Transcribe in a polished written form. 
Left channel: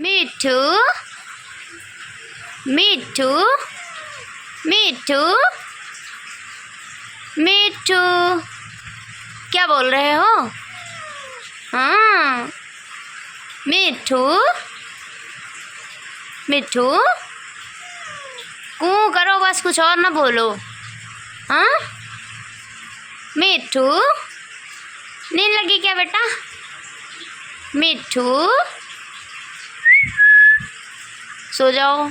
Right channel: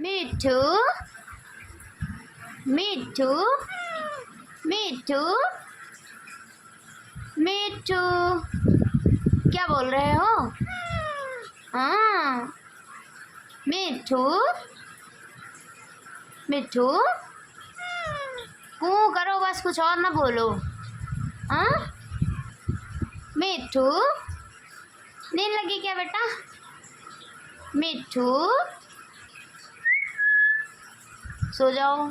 मिट्ठू मिट्ठू मिट्ठू मिट्ठू क्या बोल रहे हो? हाँ मिट्ठू मिट्ठू कू करो बस, कुछ और ना बोलो। हाँ मिट्ठू नींद लगी क्या बेटा? मिट्ठू सो जाओ।